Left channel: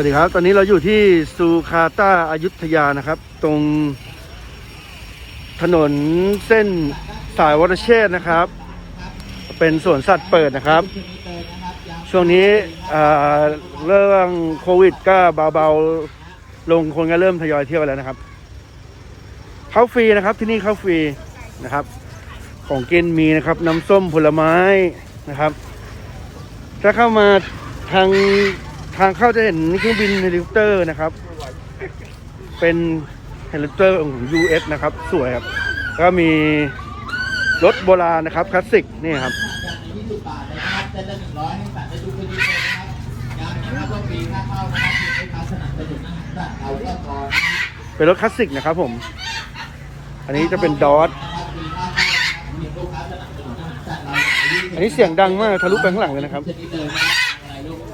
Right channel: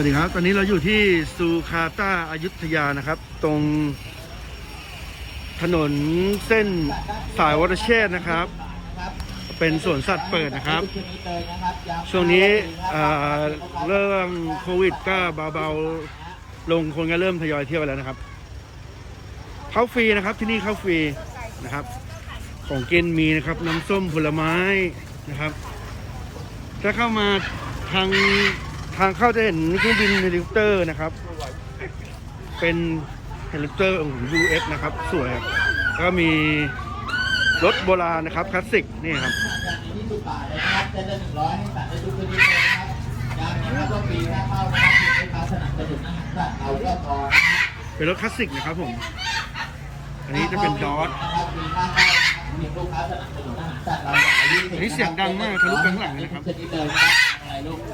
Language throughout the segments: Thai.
วัสดีครับ ตอนนี้เราอยู่ที่ซูคาตาอายุทยานะครับ ตรงถนนเส้นสายวรเชษนะครับ เป็นสวนสัตว์เปิดนะครับ ช่วงนี้เอ่อเรื่องโควิดก็เบาๆ ลงคนก็เริ่มทยอยเที่ยวแล้วนะครับ เข้าฟรีนะครับที่นี่เข้าฟรีนะครับ ของกินมีนะครับ น้ำส้มผลไม้นะครับ ถ้าเข้ามาทาง ทางเข้าจะเห็นเครื่องบินเฮลิคอปเตอร์นะครับ เป็นเฮลิคอปเตอร์ของ US นะครับ สวยครับ ก็มีรถโบราณนะครับคลาสสิกนี่ครับเป็นรถคลาสสิกนะครับผม อันนี้จะเป็นดอทอันนี้เสียงดังมากทะลุไปข้างหลังเลยนะครับ ชนิดเลยนะครับอะไรลูกเ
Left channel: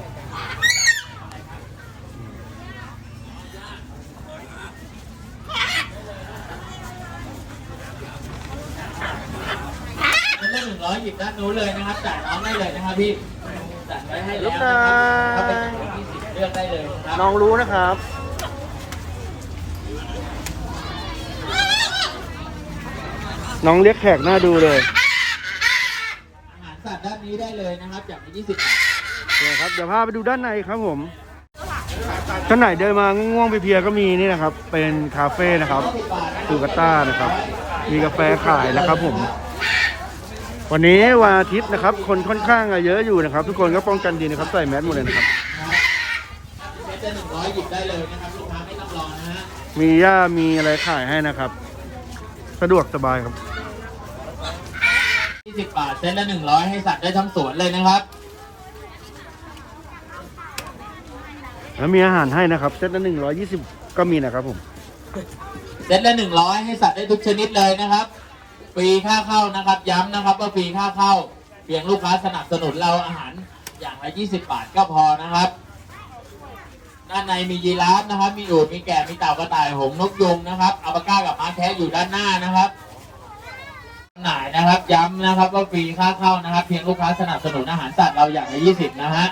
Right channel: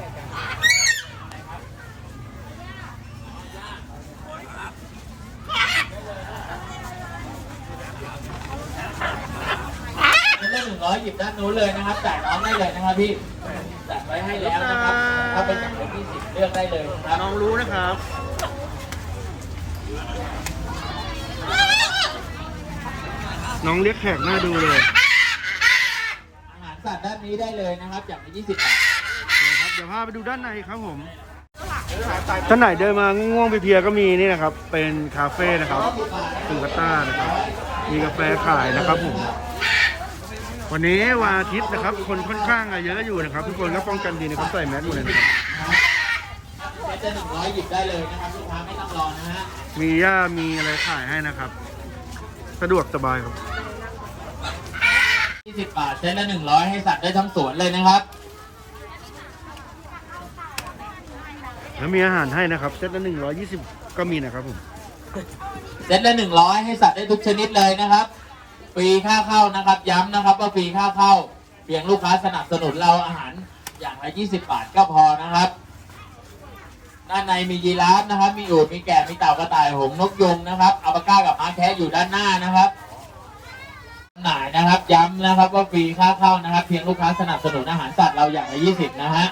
ซตละหนึ่งร้อยหยิบ ด้านนู้นเลยนะครับจ่ายน้องได้เลยนะครับพี่จัดไว้ให้แล้วนะครับถ้าเป็นอย่างยี่สิบเลือกได้เลยครับน้องรู้นะครับ น้องเรียกแขกหน้าดูเลย อาหารสัตว์ด้านนี้ได้เลยนะครับอย่างละ20บาทโอเคครับเดี๋ยวพาไปดูด้านในครับผมท่านไหนเดินมาง่วงๆเพลียๆก็มีนี่นะครับ เป็นคาเฟ่นะครับซูกาต้านะครับ มีกาแฟขายนะครับผม วันนี้วันอาทิตย์นะครับ คนค่อนข้างเยอะอยู่นะครับ ทุกคนก็ป้องกันดีนะครับใส่แมสหมดเลยนะครับเซตจะ100หยิบได้เลยนะครับลูกค้าไม่ต้องรอนะฮะมีหญ้ามีอะไรขายให้นะครับ สะดวกสบายครับ20บาทเซตละ100ให้สัตว์ได้ทั้งสวนเลยนะครับ แล้วมีอาหารให้นะครับเซตละหนึ่งร้อยี่สิบก็มีนะครับผมเซตละ100ให้สัตว์ได้ทุกชนิดเลยนะครับ ฟรีค่าเข้านะครับ ย้ำนะครับว่าฟรีค่าเข้าเพียงลูกค้าสนับสนุนเราอาหารอย่างละ 20 บาทก็พอนะครับ ด้านในมียีราฟนะครับ มีอูฐมีแกะมีเต่ากระต่ายหงนกยุงนะครับอัลปาก้ากับม้าแคะอยู่ด้านหน้านะครับหน่ายนะครับ ย้ำนะครับว่าฟรีค่าเข้านะครับ เพียงลูกค้าสนับสนุนอาหารสัตว์เราอย่างละ 20 นะฮะ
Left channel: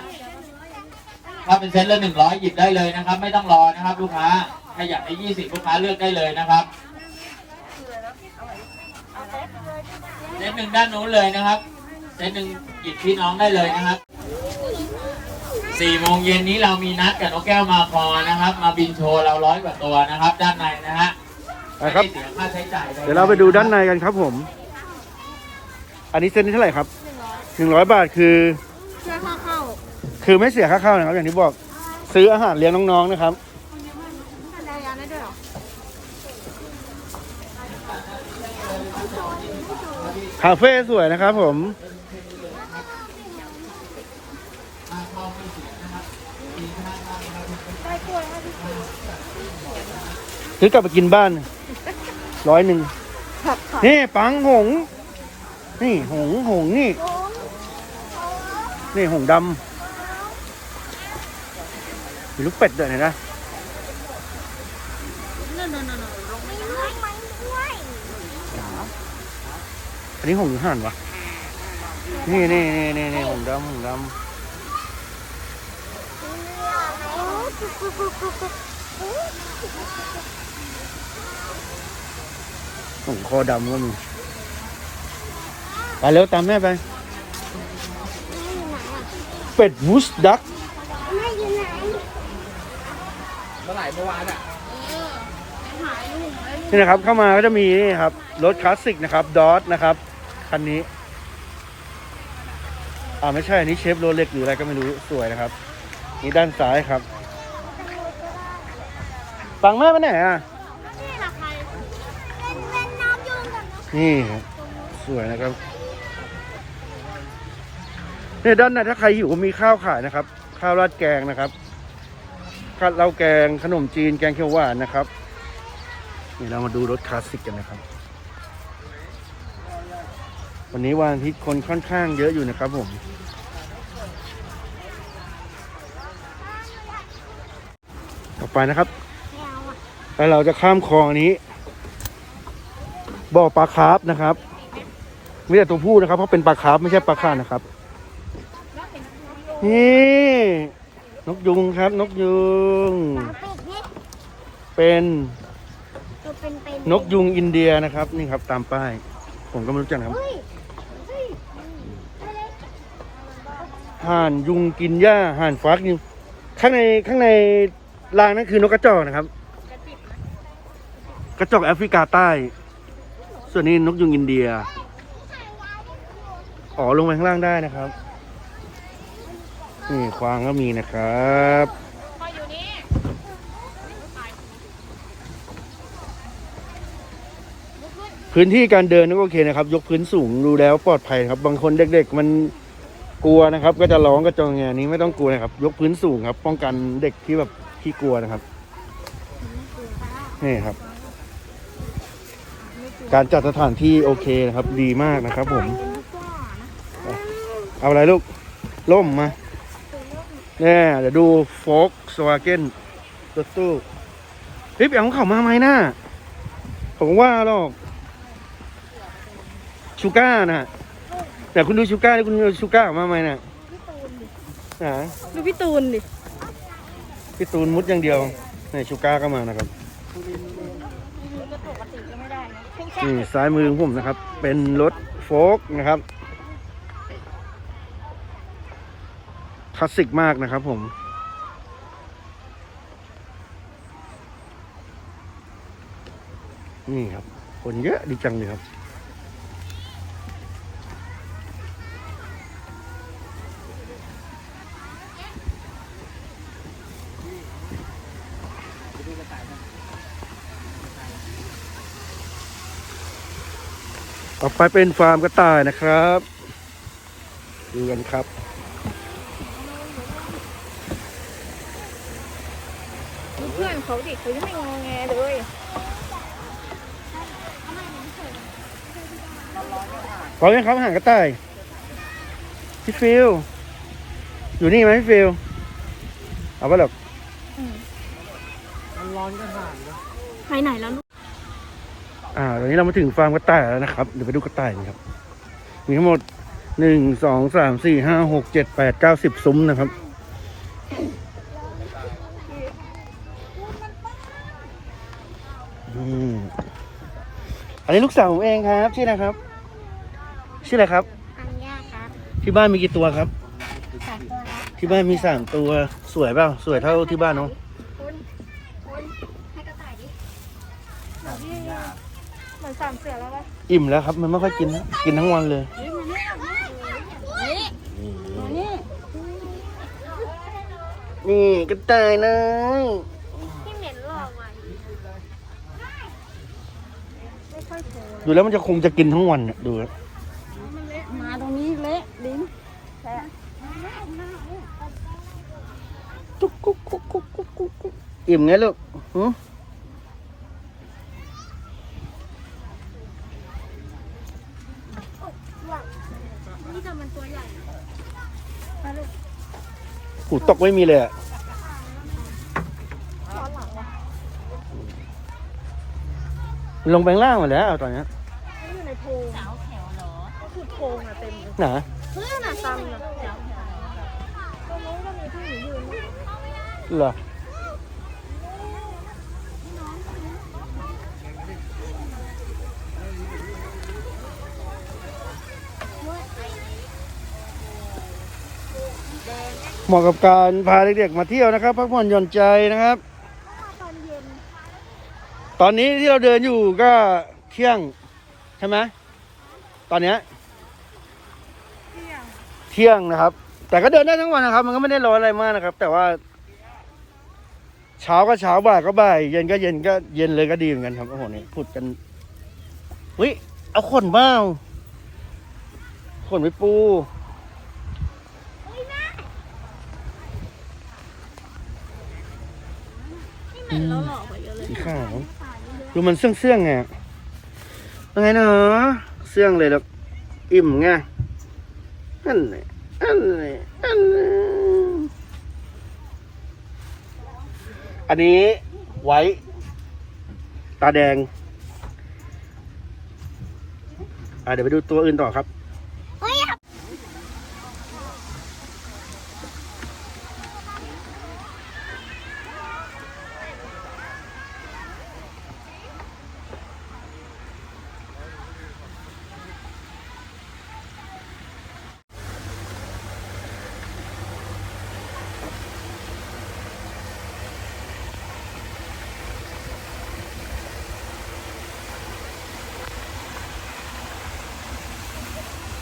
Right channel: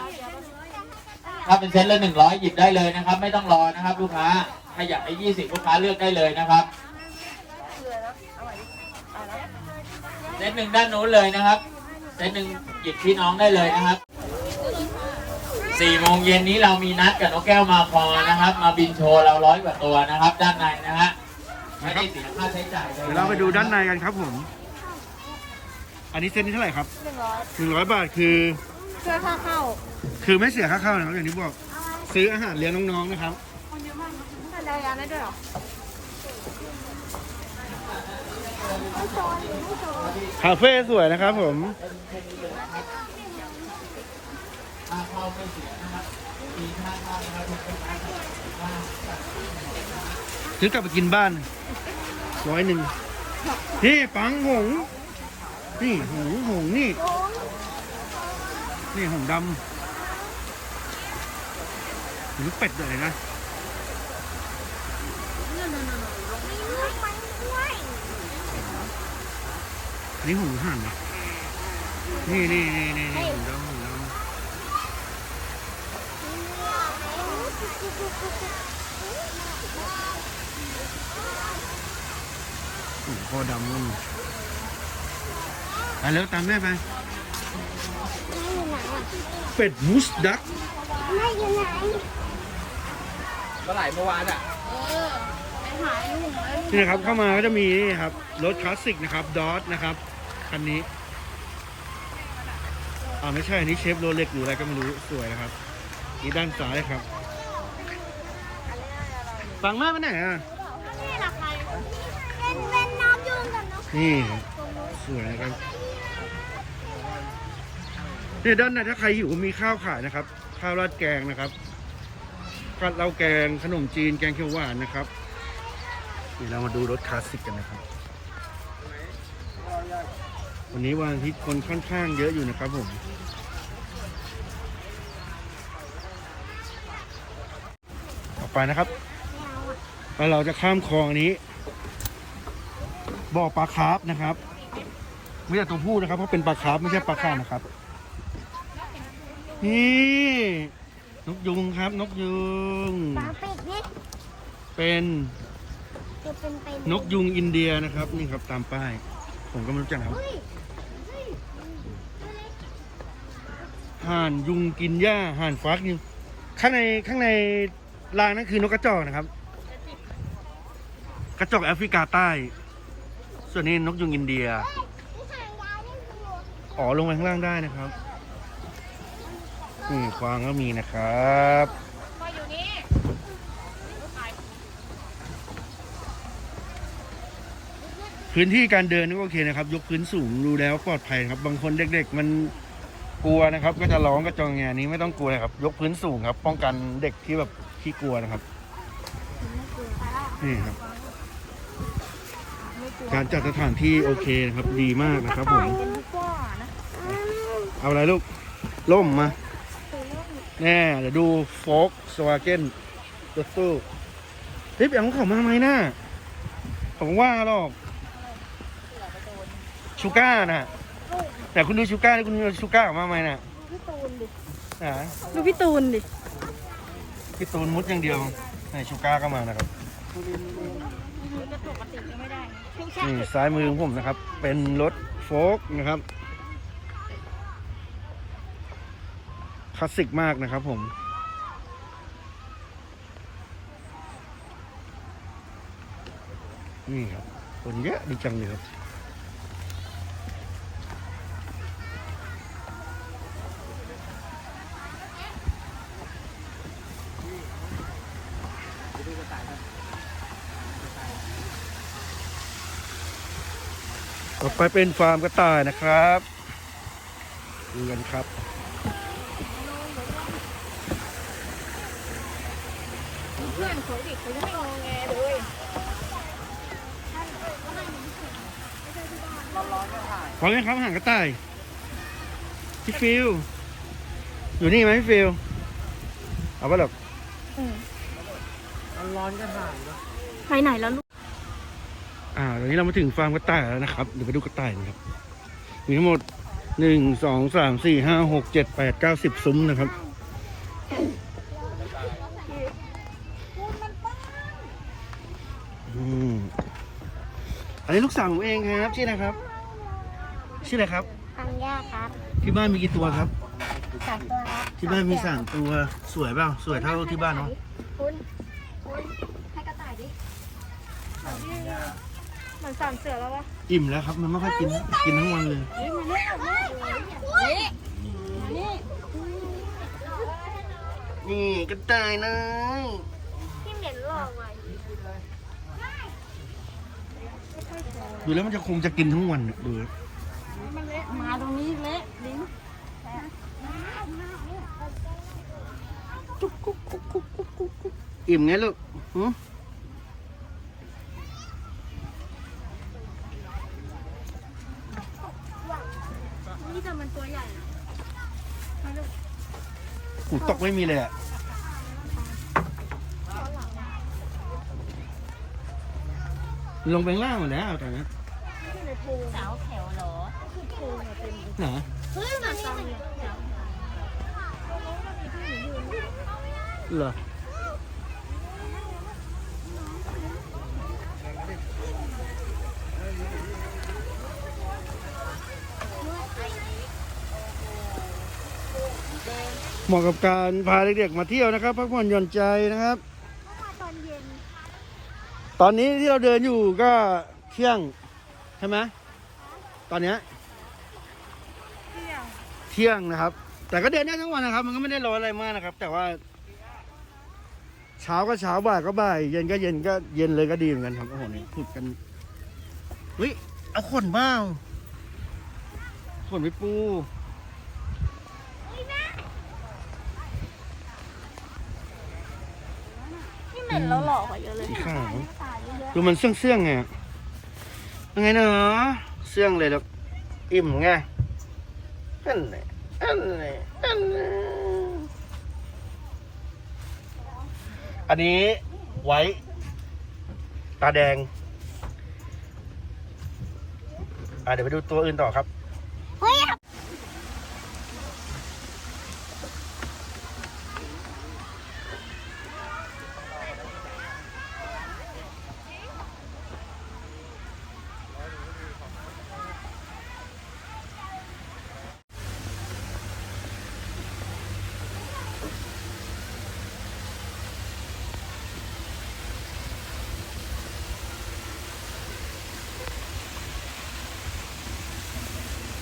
ถ้าเป็นเซตละ 100 หยิบได้เลยนะครับ ไม่ต้องรอนะครับ ลูกค้าถ้าอยากได้ 20 ลูกค้าเลือกได้เลยนะครับ ซตหนึ่งด้านนู้นเลยนะครับเซตหนึ่งหยิบพี่น้องได้เลยนะครับสี่โมงเย็นนี้เรามีนัดกับนกแก้วมาคอนะครับ มาบินโชว์เราร้อยกว่าตัวนะครับ ด้านในนะฮะไม่นะครับ ได้เสียค่าใช้จ่ายลเดี๋ยวเราไปดูด้านในกันครับผม อันนี้เซตนี้เท่าไหร่ครับหนึ่งร้อยบาทคือ เชื่อค่าเข้าคือไม่เสียค่าเข้านะครับ อย่างที่บอก ซื้ออาหารเลี้ยงน้องๆนะครับ คนเยอะมากทานรายการได้ด้วยเหรอ คาเฟ่สวยนะครับผมซื้อกลับไปกินบ้านร้อยหนึ่งนี่ปังหง นี่หงหงนี่ นี่หงดำมีลูกเป็ดด้วยนไหม นั่นนั่นนั่นลงไม่ด้วยไม่ด้วย อันนี้หงส์หรือห่านวะนี่นี่นี่นี่นี่หงส์ดำหงส์ดำหงส์คอดำก็มีไปเร็วตามแม่ไป เป็ดวูสดักแม่อยู่ไหนเมื่อไหร่เมื่อวานอะหายลูกเลยนี่นะครับเข้ามาก็จะมีนี่ครับรถคลาสสิกนะครับดอทนะครับ คันนี้ อ่าไม่ใช่อันนี้เชฟโรเล็กหรืออะไรก็ไม่รู้สวยนะครับ นี่ด้านซ้ายครับฟังแม่ไปไหนอะ นี่หลักใครเป็นเป็นน้ำยุงกับน้ำนี่ สวยนะครับเนี่ยด้านในถ้าใครหิวมีข้าวขายนะครับ ข้าวราดแกงนะครับข้าวเหล้าแกงขนมจีนแกงเขียวหวานนะครับนี่เรามาดูรถคลาสสิกกันนะครับ วันนี้วันอาทิตย์คนค่อนข้างเยอะอยู่นะครับผมต่อไปนะครับ แล้วเราจะข้ามคลองอันนี้บ่อปลาคาร์ฟนะครับไม่ใช่ตัวผู้นะครับ เพราะเป็นปลาคาร์ฟไม่ใช่ปลาข่านะครับ นี่นกยุงครับ นกยุงปลาเป็ดเนี่ยเป็นตัวเป็นเป็นนกยุงอินเดียนะครับ นี่ครับตามป้าย ผมก็ไม่รู้จักนะครับ เฮ้ยเฮ้ย ห่านยุงกินหญ้าห่านฟักนี่ข้างในข้างในรางนั่นคือนกกระจอกนะครับ กระจอกแอฟริกาใต้ ส่วนนี้นกยุงอินเดียอ๋อลงไปข้างล่างได้นะครับนี่ควางก็มีนะครับพื้นที่การเดินก็โอเคนะครับ ยกพื้นสูงดูแล้วปลอดภัยครับ บางคนเด็กๆมัน กลัวนะครับ ก็จะร้องก็จองแงนี้ไม่ต้องกลัวนะครับ ยกพื้นสูงครับ ป้องกันเด็กที่แบบที่กลัวนะครับนี่ครับ การจัดสถานที่โอเคนะครับ ดีมากนะครับ ผม เอาอะไรลูกล่มมาเนี่ยเดี๋ยวดูโฟกสวาเกนรถตู้เฮ้ยไปเอาของเขามาไหมน่ะผมว่าหรอกชูก้าน่ะ แต่คุณดูชูก้าแล้วคุณดูชูก้ามาไหมน่ะไหนดูพี่ตูนดิ พี่ตูนมุดอย่างเดียวไหนชูก้าก็มานะครับก็ปกติก็ไม่ได้นะเพียงแค่นี่ซ้ายมือของผมนะครับ เป็นรถโฟกนะครับคลาสสิกมากนะครับผม นี่ครับคนเยอะดีจังเลยครับ ไปเป็นฟาร์มกระต่ายนะครับดูกันครับเพื่อนเขาดิคือไม่งอแงเลยพร้อมไหมครับอาหารกระต่ายพี่ฟิลอยู่นี่ไหมพี่ฟิลเอาปะหรอกไปไหนแล้วลูกอ่า ตอนนี้เรามาถึงฟาร์มกระต่ายแล้วนะครับ เดี๋ยวไปดูกระต่ายกันครับ มีทั้งหมดหนึ่งสองสามสี่ห้าหกเจ็ดแปดเก้าสิบซุ้มนะครับ อืมอันนี้ลูกสาวผมเองครับ ชื่ออะไรครับ ชื่ออะไรครับอัญญาครับที่บ้านมีกี่ตัวครับ สามตัวครับที่บ้านมีสามตัวสวยเปล่าสวยเท่าที่บ้านเนาะ คุณคุณให้กระต่ายดิ เหมือนสามเสือแล้ววะอิ่มแล้วครับ มันไม่ค่อยกินนะกินทั้งวันเลยนี่กระต่ายเลยที่เหม็นหลอกว่ะดูแล้วมันจะคงจะกินทั้งวันน่ะดูแล้วมันเละมาตรงนี้เละลิ้นจุ๊กกุ๊กกุ๊กกุ๊กกุ๊กกุ๊กกุ๊กอิ่มไงลูกหืม นี่แต่มันตัวใหญ่มาลูก กูตกไม่มีเลยอะลงไปข้างล่างหมดแล้วตอนเนี้ยอยู่ในโพรงสาวแถวเหรอคือโพรงอะเต็มเลยหนาเฮ้ยน่ะซ้ำเลยสาวแถวตรงนู้นก็มีที่หนูยืนเหรอเห มาะกับการพาเด็กๆมาเที่ยวนะครับพักผ่อนหย่อนใจนะครับ ตอนเย็นตอนนี้ที่เราเดินอยู่ก็เที่ยงใช่ไหมตอนเนี้ยเที่ยงเที่ยงนะครับ แต่ก็เดินได้ทั้งวันนะครับ มันก็ไม่ได้ร้อนอะไรมากนะครับ แต่ว่าเช้าก็เช้าบ่ายก็บ่ายเย็นก็เย็นก็เย็นเลยก็ดีเหมือนกันครับโอ้โหนี่พูดกันวิเอาขนบ้าขนไปปู ที่เหม็นแล้วหลอกกว่าเยอะเลยสีขาวตายเยอะดูมันเสื่องเสื่องๆไงเป็นไงเนาะเสื่องเลยแบบอิ่มไงอันเลยอันเลยอันเลยอันนี้ไว้ตาแดง อะเดี๋ยวไปดูตัวอื่นต่อครับ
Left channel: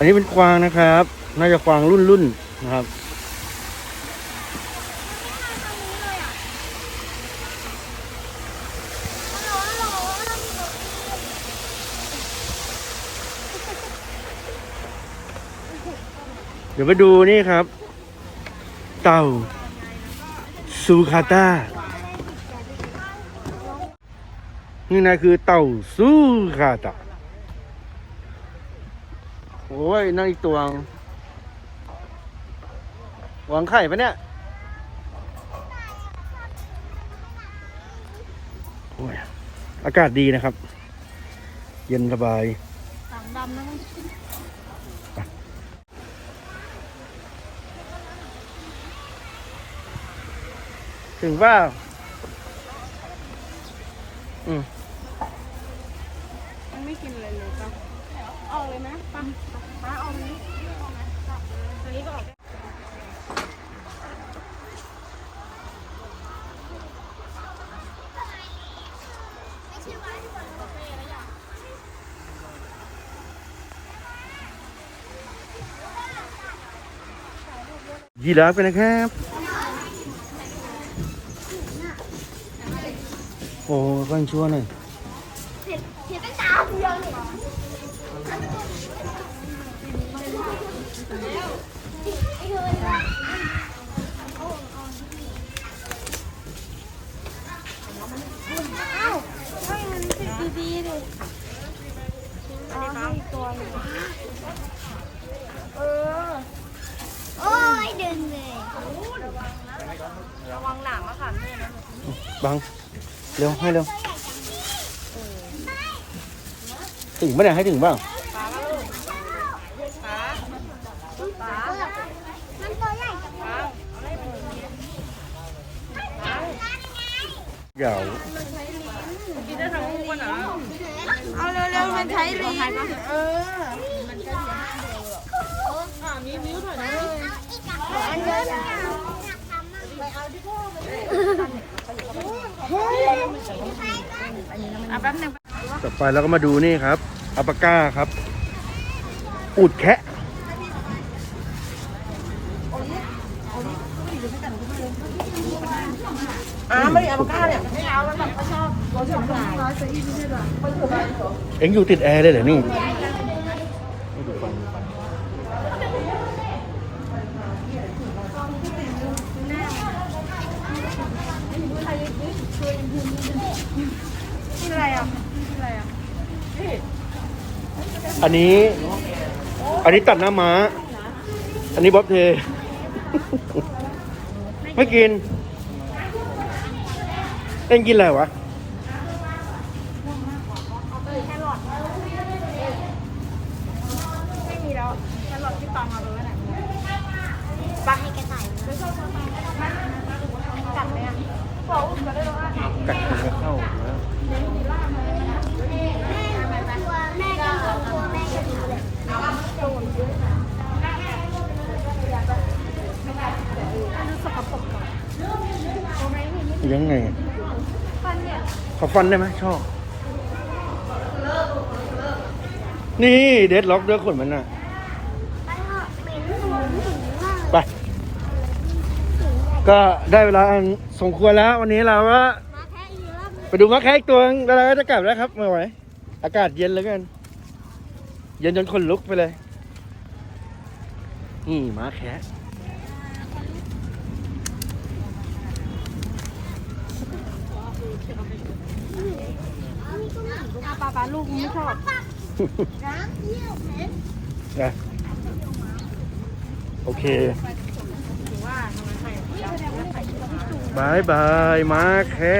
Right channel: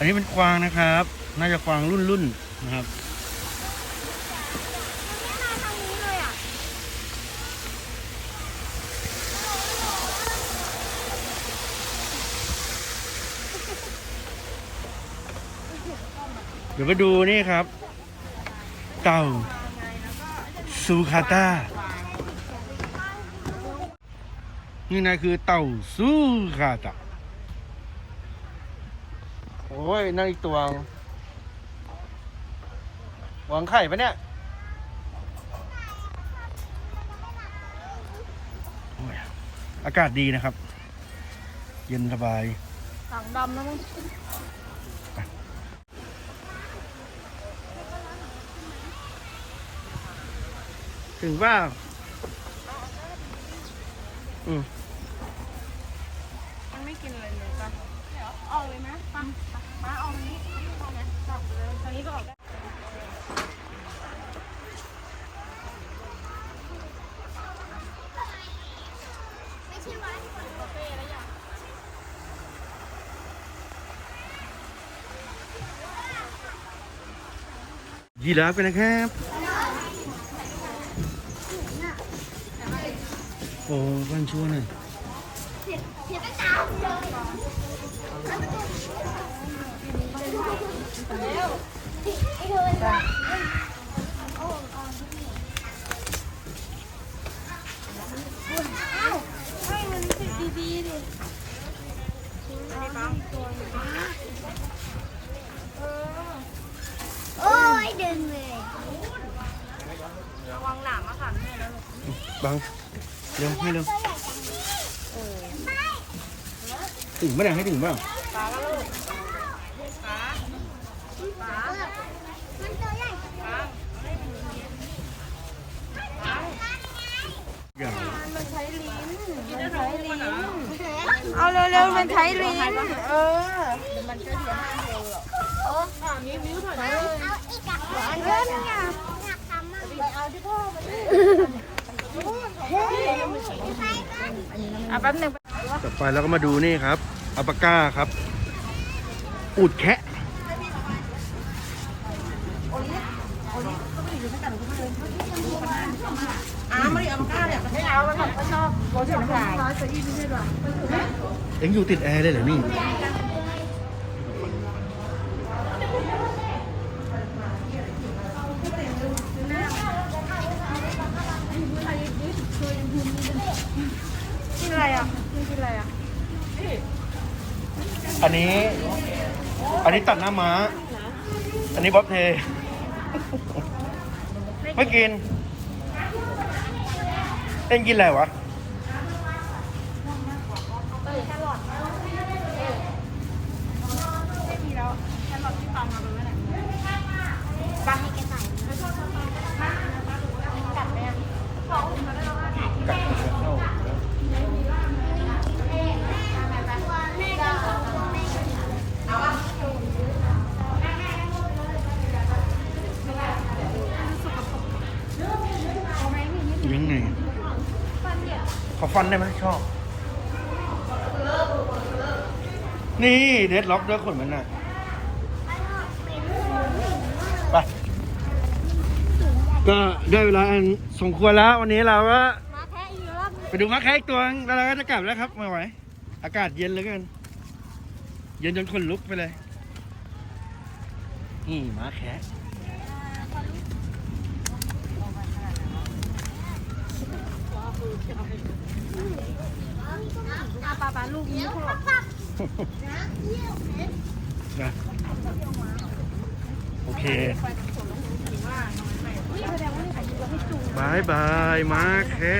อันนี้เป็นกวางนะครับ น่าจะกวางรุ่นรุ่นๆนะครับเดี๋ยวไปดูนี่ครับ เต่าซูคาต้า นี่นะคือเต่าซูคาต้า โอ้ยนั่นอีกตัววางไข่ปะเนี่ยโอ้ยอากาศดีนะครับ เย็นสบายถังดำนะมึงถึงเปล่าอืมมันไม่กินเลยเลยปะ เอาเลยไหมปะปะเอาตรงนี้เอาไหมปะตรงนี้ก็ออกได้ยีราฟกันนะครับ โอ้ก้อนชั่วหน่อยให้มันติดดีๆดิอันนี้ปั๊มตัวนึงเออโอ้ยเดินเลยระวังหนามมะขามเนี่ย นะบังเร็วให้เร็ว ถึงไม่ได้ให้ถึงบ้าง ป๋าก็ลูกป๋าป๋า มันตัวใหญ่ ป๋าเอาให้มันอย่างนี้ป๋า ยาวกินได้ทั้งวันอะเอาเร็วๆมันใช้ลิ้นเออมันก็เดียวห้าเดียวหรอกโอ้อ่ามีนิ้วถอยนะเอาอีกอะอันนี้อยต่อไปแป๊บนึงต่อไปเราก็มาดูนี่ครับอัปาก้าครับ อูดแคะ อ่าไม่ได้เอามาก้าเนี่ยไม่เอาแล้วก็ชอบรถชอบหลายเอ็งอยู่ติดแอร์เลยเหรอนี่กินอะไรอะกินอะไรอะอันนี้ อันนี้ตัดหน้าม้า อันนี้บ๊อบเพ ไม่กินเอ็งกินอะไรวะ ไม่มีแล้วฉันรอที่ปังมาตรงนั้นแหละ จะให้แกใส่ บอกอุ้มมาได้แล้วอะ ยังไงขอฟันได้ไหมชอบนี่เด็ดล็อกด้วยขนมันน่ะไปก็ได้เวลาอันสมควรแล้ววันนี้เราก็มาแค่อีกรอบไปดูมะแขกอีกตัวนึงแล้วเราก็จะกลับแล้วครับไม่ไหวอากาศเย็นเหลือเกินเย็นจนขนลุกไปเลยนี่มะแข อาปลาปลาลูกนี้ชอบนะโอเคบายบายมาแค่